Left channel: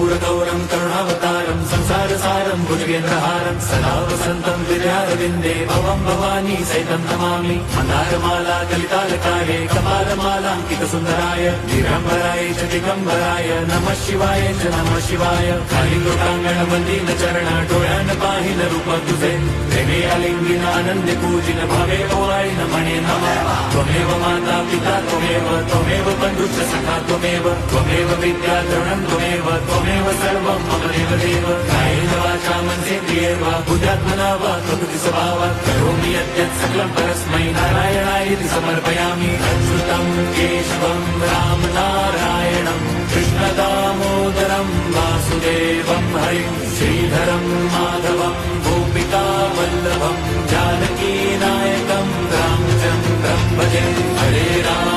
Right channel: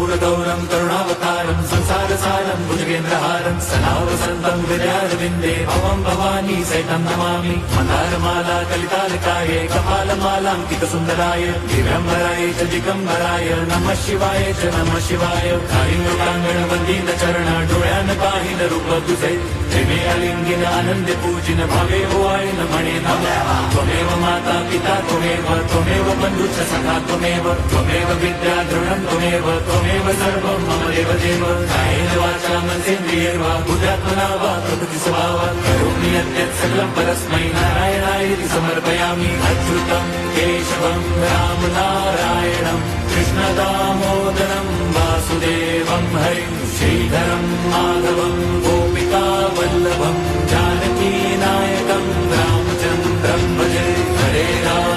कर्पूरगौरं करुणावतारं संसारसारं भुजगेन्द्रहारं सदा वसन्तं विद्यारविन्दे भवं भवानी सहितं नमामि। मन्दारमाला कलितालकार्ये कपालमालाङ्कितसुन्दराय दिगम्बराय च दिगम्बराय नमः शिवाय च नमः शिवाय। कालिङ्गोटाङ्गणमन्दिरचरण डोळ्यान पाहिन रूप तुझे प्रेमे अलिंगिन आनंदे पूजिन भावे ओवाळीन म्हणे नमः। त्वमेव माता पिता त्वमेव बन्धुश्च सखा त्वमेव विद्या द्रवणं त्वमेव सर्वं मम देवदेव। कायेन वाचा मनसेन्द्रियैर्वा बुद्ध्यात्मना वा प्रकृति स्वभावात् करोमि यद्यत् सकलं परस्मै नारायणायति समर्पयामि। अच्युतं केशवं राम नारायणं कृष्णदामोदरं वासुदेवं हरिं श्रीधरं माधवं गोपिका वल्लभं जानकी नायकं रामचन्द्रं भजे। हरे राम